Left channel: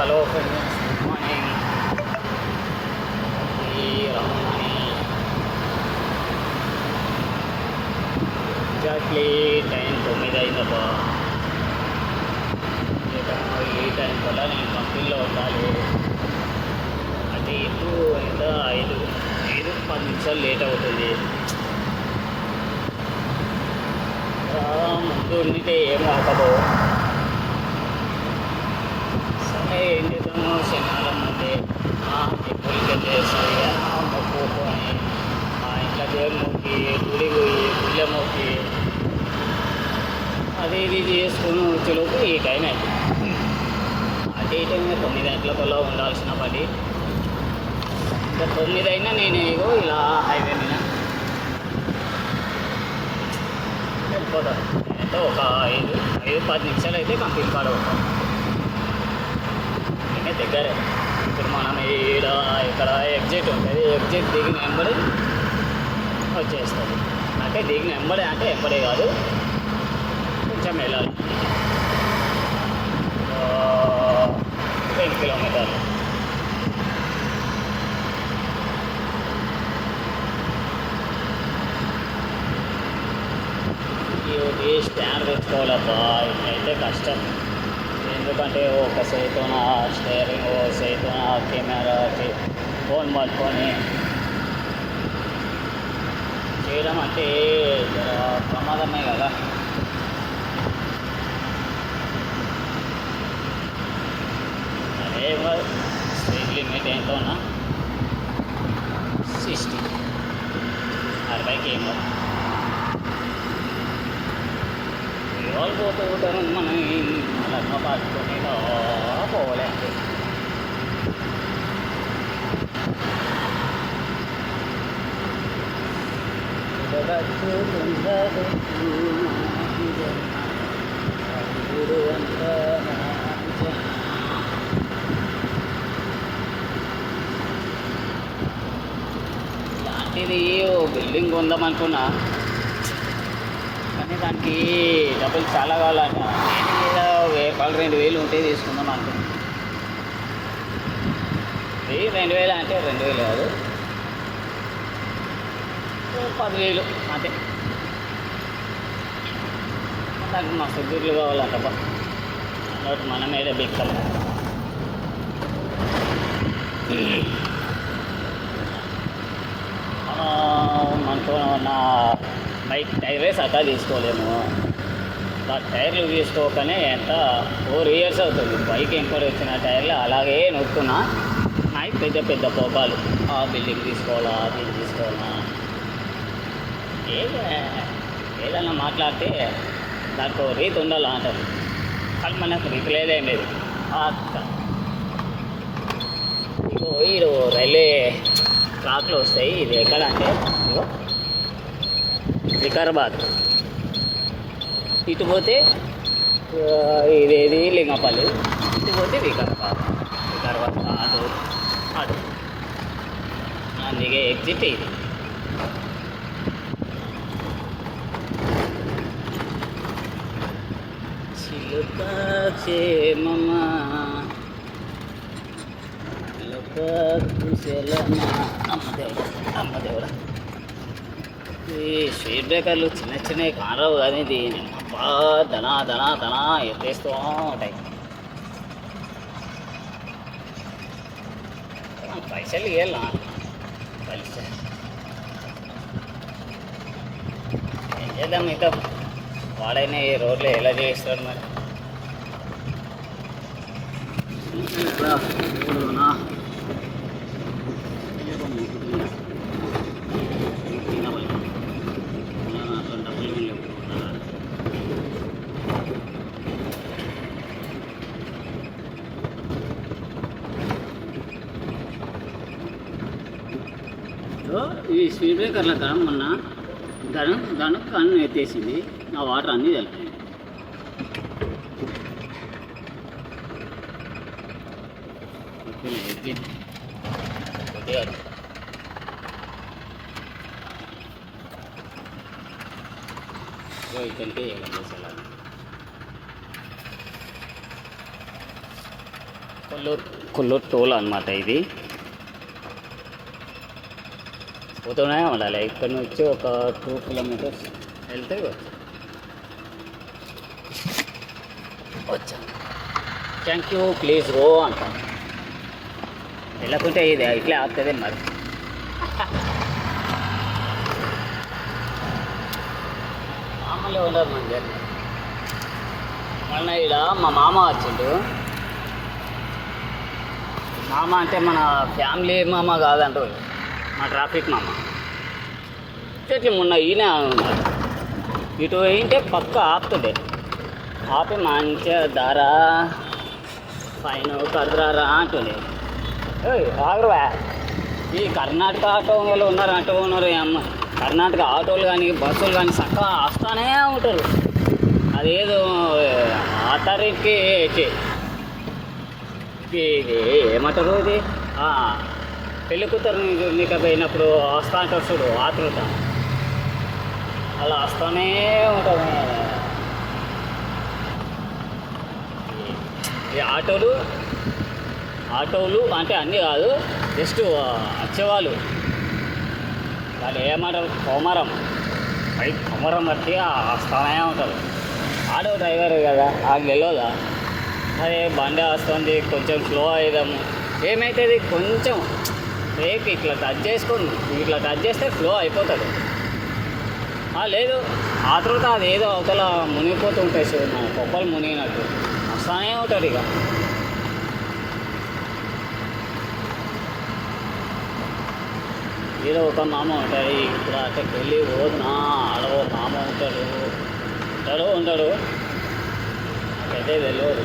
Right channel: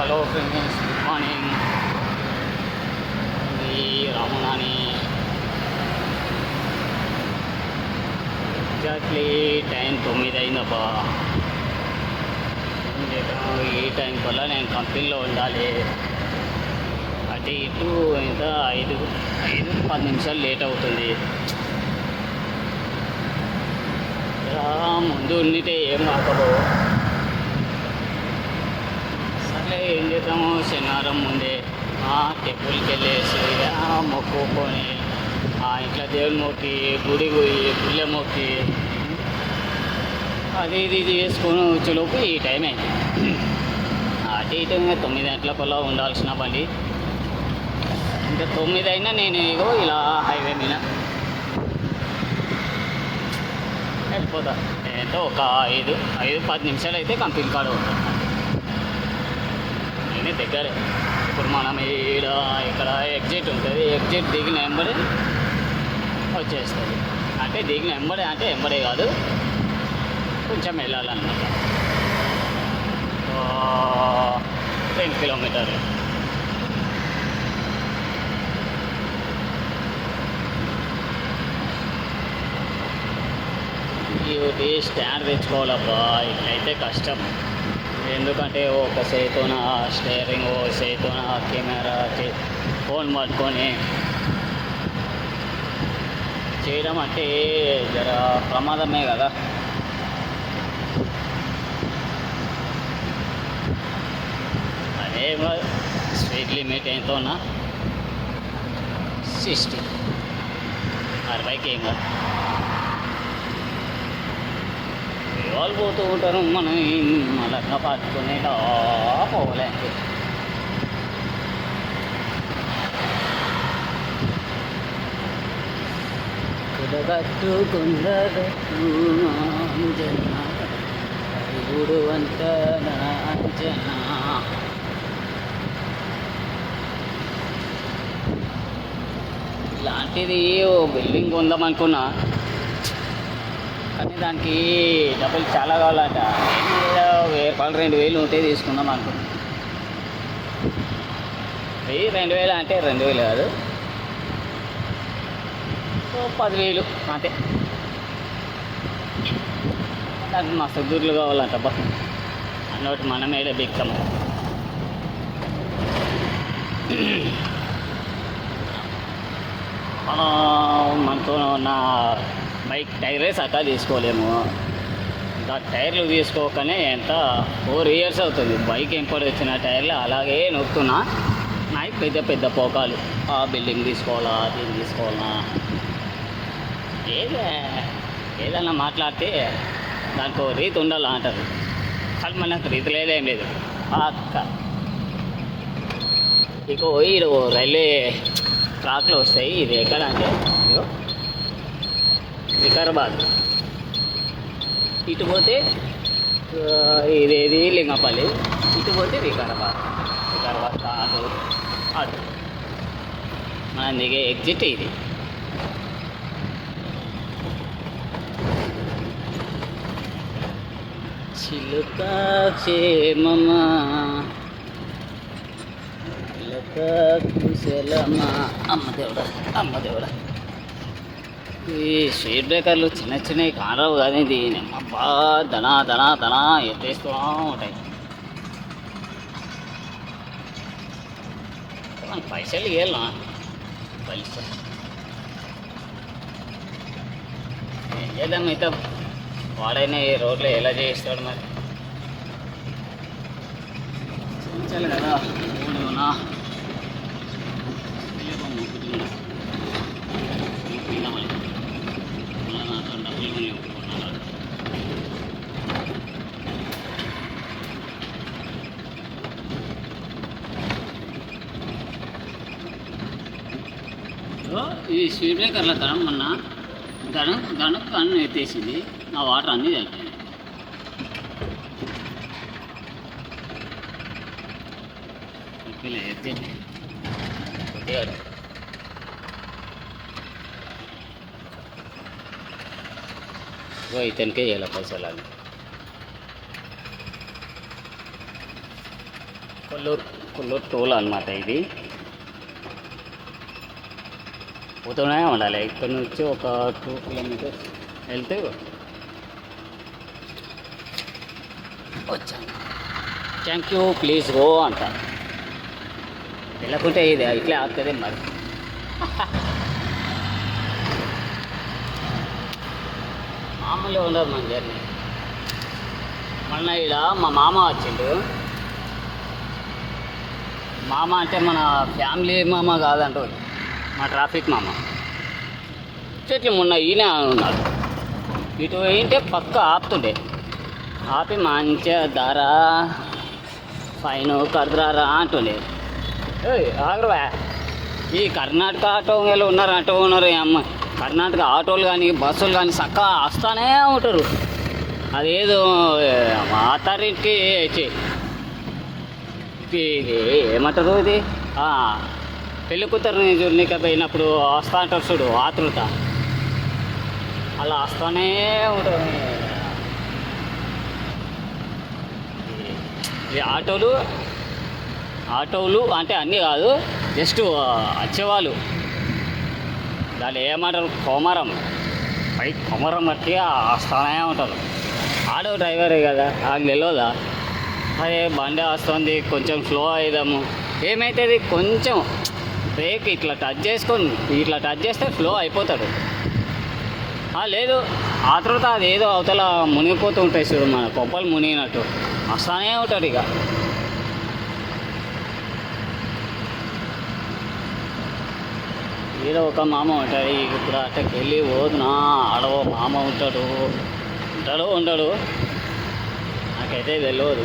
Hello friends, good morning. ఈ రమణాని exactly time 9 అయిందబ్బా. ఈ time వల్ల నేను కంపెనీలో ఉండాలి. అయితే ఇటు ఇంకా 5-10 నిమిషాలు లేట్ అవుతుంది. ముందు ఉండితే ఏం రాకపో. సరే ఏం చేద్దాము, శనివారం ముందే టెంపుల్కి వెళ్ళేసి మొక్కుకొని ఇట్లా దేవుని మొక్కి గుడి పోయి గుళ్ళ మొక్కి అది ఇది చేసుకొని వచ్చేలోపు ఈ టైమే. అటు ఈ టైమే 9 గంటలకల్లా ఉండాల్సిన పని. ఇంకా 9 అయినా నేను ఏదో ఇలా హైవే మీద వెళ్ళిపోతాను. నేనైతే ఒక 5-10 నిమిషాలు అయితే కంపెనీ కాడ ఉంటాను. నేనే దగ్గరే. ఇప్పుడు మనం ఇక్కడ ఎగ్జిట్ ఉంటుంది. ఎగ్జిట్ దిగిన ఎంబడి వచ్చేస్తుంది. అంటే దిగిన ఎంబడే అంటే ఎంబడే కాదు, కొంచెం వెళ్ళాలండి. 10 కిలోమీటర్లు. ఇది స్టాండ్ తెచ్చుకోవాలబ్బా, ఇట్లయితే కష్టం. ఎందుకంటే ఒక చేతిన స్టీరింగ్, ఒక చేతిన కెమెరా, ఫోన్ పట్టుకొని చేయడం అంటే జర ప్రమాదమే కదా. అదే స్పీడ్ లిమిట్ ఎంతోనా 60 ఏమో. వాళ్ళు పోతూ ఉంటారు, మనం అలా పట్టుకుని పోవాలి అంతే. ఇలాంటిది బిల్డింగ్ కొందామనుకున్నా, కానీ దానికి డబ్బులు చాలా కావాలంట. 1000-2000 ఉంటే తీసుకుందాం అనుకుంటున్నాం. 1000-2000 అంటే 2000 కాదు, 10,000 అంతే. దానికి మస్తు దూర్లు కావాలంట. అన్నట్టు మనం ఏదో బిక్తాం. మనతో నా బైక్ టైరే సతా తీసుకోలేము. టైర్లు తీసుకోకనే ఎంత 4 years అవుతుంది. బైక్ ఇంకోటి వచ్చిన టైర్లు అలాగే నొక్కుతున్నా. నాకు పెద్ద పోకాలు, ఆ బిల్డింగ్ తీసుకోవాలా, దీన్ని తీసుకోవాలా. ఏదన్నా మాట్లాడితే దానికి రీతి ఉండాలి అంటారు, కానీ మనకు రీతి లేదేం లేదు. ఇక రైల్వే ట్రాక్లు వస్తాయి. ఇవి ఎక్కడ అంటే వికారాబాద్. ఇటు పోతే ఇదేది లింగపల్లి, ఇటు పోతే వికారాబాద్ ఆడు మనం దిగే ఎగ్జిట్ ఇది. చిలుక క్షేమమా కుశలమా అమ్మదేవుడా. ఈ స్పీడ్ బ్రేకర్లు చిన్నవి కానరావు కానీ ఇది అబ్బా ధనా ఎత్తేస్తూ ఉంటాయి. పైసలు ఇవ్వాలా, పైసలు ఏం చేద్దాం. ఇక వాడైనా ఈ రోడ్లో ఎలా చేస్తాడు మరి కదా. ఇప్పుడు ఈ స్పీడ్ బ్రేకర్ల కరం మొన్న గణకు అన్ను ఎత్తేసింది. ఆ వాటర్ అన్నీ కలిపింది. ఎత్తింది కొద్దిగా ఇతనికే చేయాలి పైసలు. కొల్లూరు టోల్ అనమాట ఇది. పోతూనే ఉండాలి. ఇక్కడ నుంచి ఒక 2 కిలోమీటర్స్ వెళ్తే వచ్చాను. థ్యాంక్ యూ, ప్లీజ్ గో అంట. వెళ్ళకుంటే ఇది ఇట్లే ఆపుతుంది మరి. మామూలుగా ఉండదు మన జర్నీ. మళ్ళీ ఇక్కడ మా మామ వచ్చిండు. మామ అంటే మన ఫ్యామిలీ మామ కాదంటూ, మా ట్రాఫిక్ మామ. చెట్లు మొన్న ఈయన ఉన్నాడు. ఇటు ఏంటే పక్క ఆపుతుండే, ఆపి మంచిగా దారా ఫైన్ కడుతురారా అంటుండే. ఆగరా, ఈ కర్ణాటక ఆటో వాళ్ళు ఉన్నారు అమ్మ. కర్ణాటక ఆటోలు కానీ బస్సులు కానీ చక్కగా వస్తానే ఉంటారు. అదేదో అథారిటీ ఏమంటారు అది, పెళ్లి కూతురుని చూడలేకపోయినప్పుడు వస్తా అంటారు చూడు, ఆతృత. అలా వస్తానే ఉంటారు ఈ ఆటోలు అంటే అన్నీ కాదు, జస్ట్ వచ్చేవాళ్ళు. దాన్ని ఏమంటారు, కొమరం బట్టి వస్తానే ఉంటారు. ఆటో డ్రైవరే కదా, అది తెలియదా? అదే బండి వస్తుంది, కొంచెం స్లో అయిదాము. ఏమవుతుంది, కొంచెం బ్రేక్ ఇట్లా టచ్ చేస్తే స్లో అయిపోతాడు. లేదు ఆతృత అదేదో అవతల మునిగిపోతూ ఉంటాయి చూడు, మన కొబ్బరి మునిగినట్టు వస్తానే ఉంటాడు. ఇక ఈడ ఒక మామ ఉంటాడు. ఇప్పుడు అక్కడికి వెళ్ళి పోదునా, ఆడో మామ ఉంటాడు ఉండడు నాకైతే తెలియదు.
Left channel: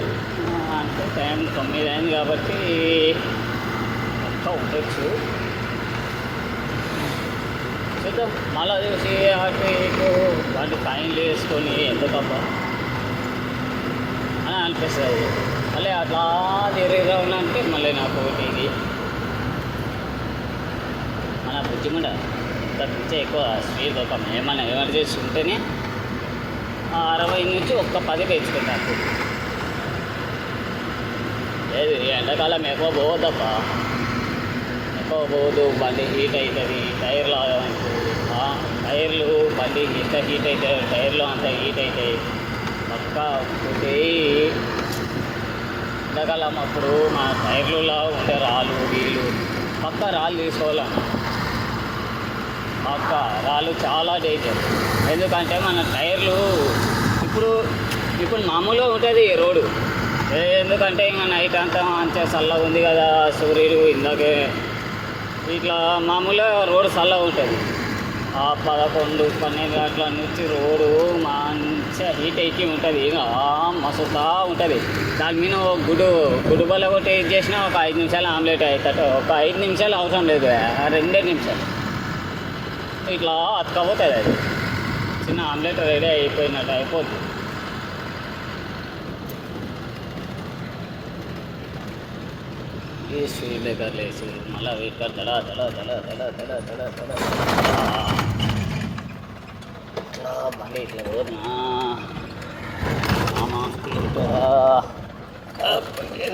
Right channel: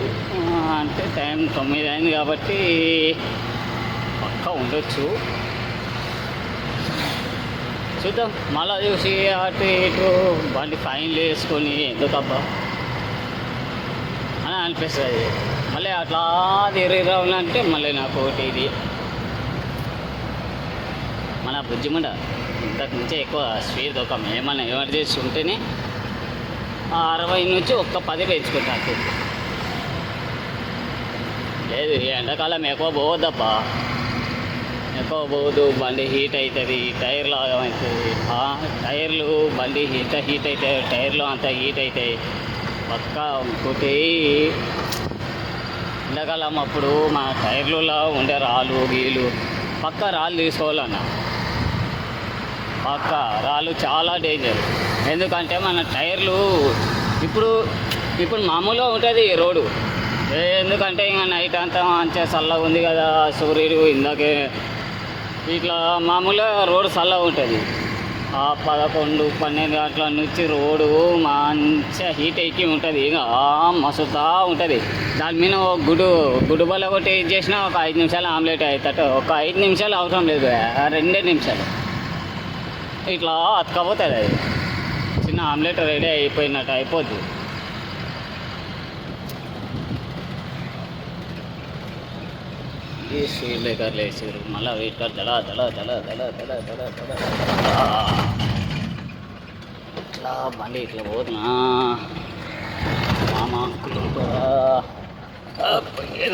అంటే టైం 9 అయింది కాబట్టి పక్కా ఉండొచ్చు. చూద్దాం. మళ్ళీ చూసి అటు ఇటు బండి ఫైన్లు వేసుకొని ఎందుకబ్బా అని అనిపిస్తుంది. మళ్ళీ అట్లా తిరిగి రావాలంటే మళ్ళీ నాకు ఒకటి ఇది మన బుజ్జిముండ ఇంతకు నుంచే ఎక్కువ స్పీడ్ ఒక ఏమైనా ఎమర్జెన్సీ ఉంటేనే 60 నుంచి ఒక్క 10 తెచ్చుకుంటాను. లేదు ఎండాకాలం ఎక్కువ పోవద్దప్పా, ఎక్కువ పోదు, బండి హీట్ అవుతుంది. టైర్లు బండి హీట్ అవుతాయి, టైర్లు అంతా హీట్ అవుతాయి. పక్క ఇంకోటి ఎండాకాలం అప్పుడు మన టైర్లలో ఉండే రాళ్ళు పక్క రాళ్ళు తీసుకోవాలన్న. పక్క రాళ్ళు చాలా డేంజర్. ఎందుకంటే మన టైర్లు ఇప్పుడు మామూలుగా ఉంటుంది రోడ్డు. ఎందుకంటే ఇంకా నైట్ అంతా మంచిగా చల్లగా ఉంది కదా, సూర్యుడు ఇందాకే ఇట్లా మామూలుగా రోడ్డు చల్లగా ఉంటుంది. 11-12 గంటల నుంచి రోడ్డు మంచిగా హీట్ ఎక్కి ఉంటుంది. ఇంకా మస్తుతా ఉంటుంది. దాని మీద గుడ్డు బల్ల కొట్టి చేసినా ఒక 5 నిమిషాలు ఆమ్లెట్ అవుతాడు. ఒక 5 నిమిషాలు అవసరం లేదు, 2 నిమిషాలు ఇట్లా అతకపోతుంది. అది చిన్న ఆమ్లెట్ రెడీ అయిపోయినట్టు అయిపోద్ది. స్పీడ్ బ్రేకర్లు వేసి మళ్ళీ వెయిట్ దడ ఇట్లా బండి ఇట్లా పోతున్నా మామ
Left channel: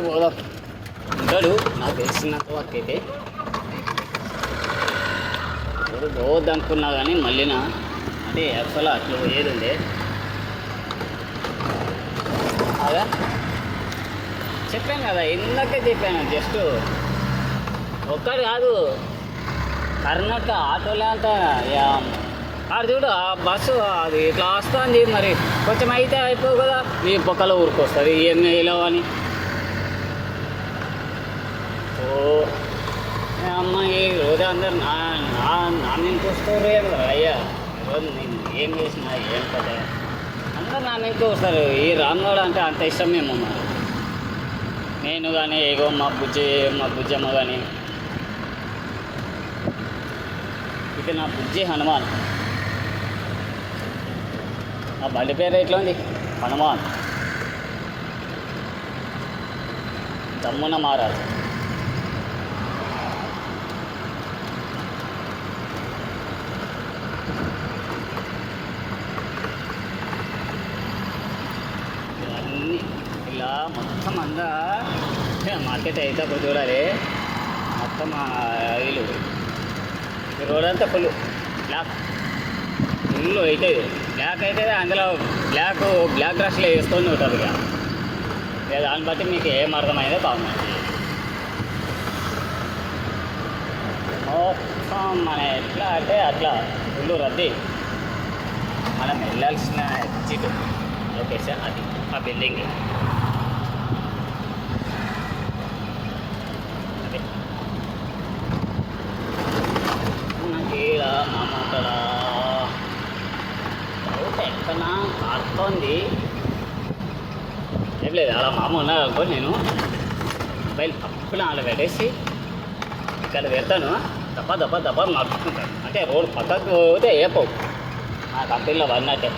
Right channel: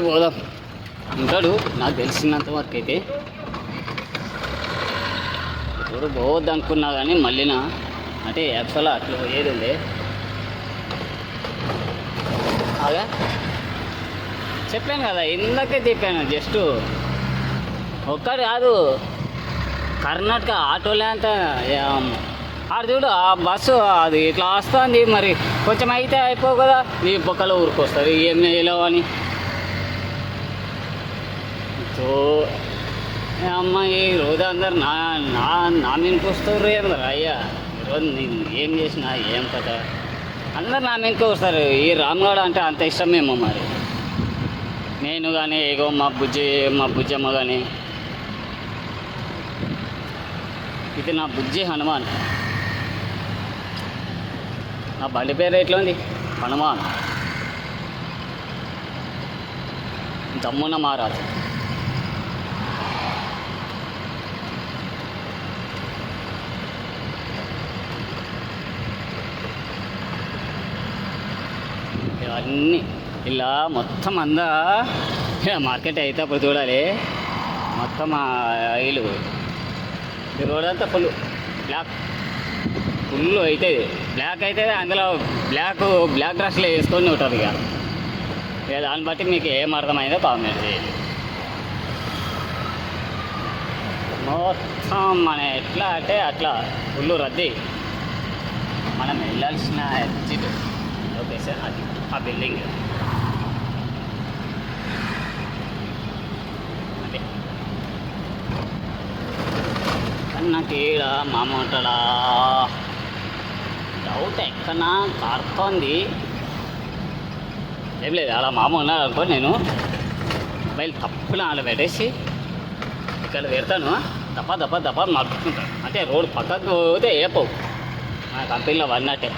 పోదాం ఉంటాడు. నాకు తెలిసినంత వరకు అయితే ఇప్పుడు పోవద్దు అనుకున్నా కానీ మళ్ళీనా అంటే యాక్చువల్గా అట్లా పోయేది ఉంది. అదే చెప్పాను కదా, ఇందాకే చెప్పాను. జస్ట్ ఒక్కటి కాదు, కర్ణాటక ఆటోలే అంతా ఆడు చూడు, ఆ బస్సు అది ఇట్లా వస్తుంది. మరి కొంచెం అయితే అయిపో కదా, ఈ పక్కలో ఊరుకొస్తుంది ఇవన్నీ ఇలా అని. సో అమ్మాయి రోజు అందరు నా మీదకి వస్తారు. ఏమో అయ్యా ఈరోజు నేను ఏం చేసినా ఏం కదా అందరు నా మీదకి వస్తారు. ఈ రామ్నాడు అంటే అంత ఇష్టమేమో మరి. నేను కానీ ఏగో మా బుజ్జమ్మ కానీ, ఇది నా బుజ్జి హనుమాన్. నా బండి పేరు ఎట్లా ఉంది, హనుమాన్. దమ్మున మహారాజు. ఇవన్నీ ఇలా మొత్తం మొత్తం అందా మార్కెట్ అయితే అప్పుడు చూడాలి మొత్తం ఇల్లు ఈ రోడ్ అంతా బ్లాక్ ఫుల్ అవుతుంది బ్లాక్ అయితే అందులో బ్లాక్ డ్రెస్లు వేసుకొని ఉంటుంది ఇక దాన్ని బట్టి మీకు ఏం అర్థమైందో కామెంట్ చేయండి మొత్తం మన ఎట్లా అంటే అట్లా ఫుల్ రద్దీ మనం వెళ్ళాల్సిన ఎగ్జిట్ ఓకే సార్ అది ఆ బిల్డింగ్ నాకు ఈడ మామ ఉంటాడా డౌట్ ఎక్కడన్నా కారుతోంది ఏం లేదు అలా మామ ఉన్నాడు అనుకో నేను మొబైల్ తప్పున అలా పెట్టేసి ఇక్కడ పెడతాను దప్ప నడుపుకుంటాను అంటే రోడ్ పక్కకు పోతే ఏపో నా కంపెనీలో పడినట్టే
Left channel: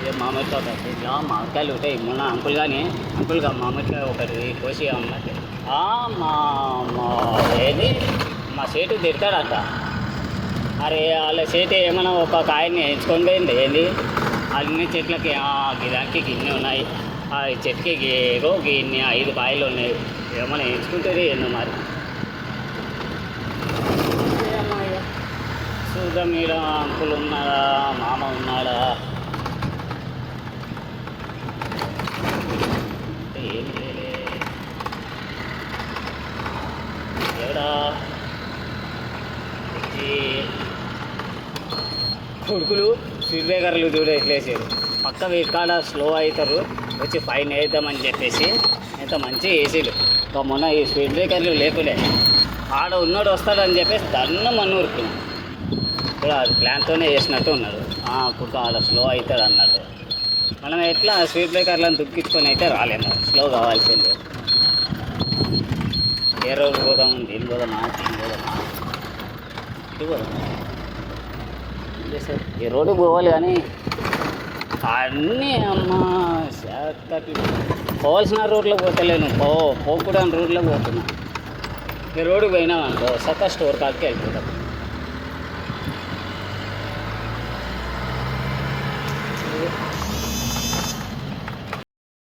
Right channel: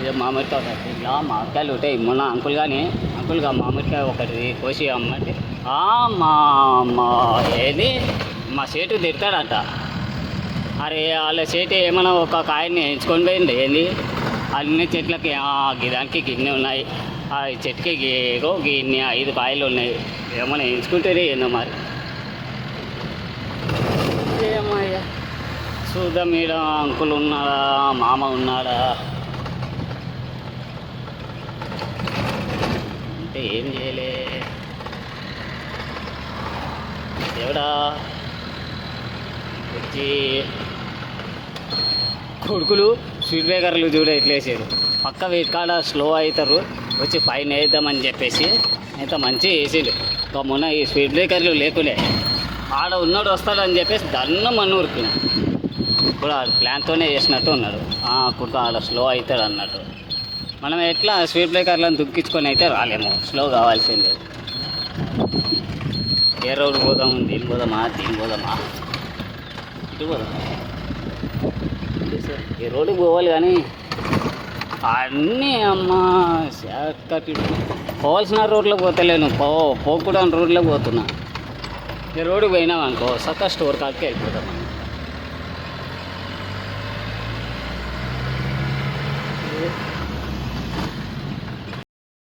ఇక మామిడికాయ ఇలా మామిడికాయలు ఉంటాయి మొన్న అంకుల్గా మామిడికాయ ఒకటి కోసి అమ్మంటే మా ఏది మా సేటు తిడతాడంట అరే వాళ్ళ సేటు ఏమైనా ఒక కాయని ఎంచుకొని పోయింది ఏంది అన్ని చెట్లకి దానికి గిన్నె ఉన్నాయి ఆ చెట్టుకి ఏదో గిన్నె 5 కాయలు ఉన్నాయి ఏమైనా ఎంచుకుంటుంది ఏందో మరి ఏమయ్యా చూద్దాం మీద అంకుల్ ఉన్నాడా మామ ఉన్నాడా అంటే ఏం చేయలే ఎవడా కొడుకులు స్పీడ్ బ్రేకర్లు చూడ ఎట్లేసారు పక్క వీటికాడ స్లో అవుతారు వచ్చి ఫైన్ వేద్దామని చెప్పేసి అయితే మంచిగా వేసాడు మొన్న ఈ స్పీడ్ బ్రేకర్లు లేకులే ఆడ ఉన్నాడు వస్తాడు అని చెప్పేసి దన్నం ఊరుకున్నాం ఇప్పుడు అది ప్లాన్తోనే వేసినట్టు ఉన్నాడు ఇప్పుడు ఆడ స్లో అవుతాడు అన్నట్టు మనం ఎట్లా స్పీడ్ బ్రేకర్లను దుక్కించుకొని అయితే రాలేము స్లో కావాల్సిందే ఏ రోడ్డు పోదాము దీని పోదామా ఇటు పోదామా ఈ రోడ్డుకి పోవాలి కానీ అన్నీ అమ్మ షార్ట్కట్ పోవాల్సిన రోడ్లోకి పోతలేను పోకుండా రోడ్లోకి పోతున్నా ఈ రోడ్డుకి పోయినాం అనుకో సక్క స్టోర్ కాడికి వెళ్ళిపోతాం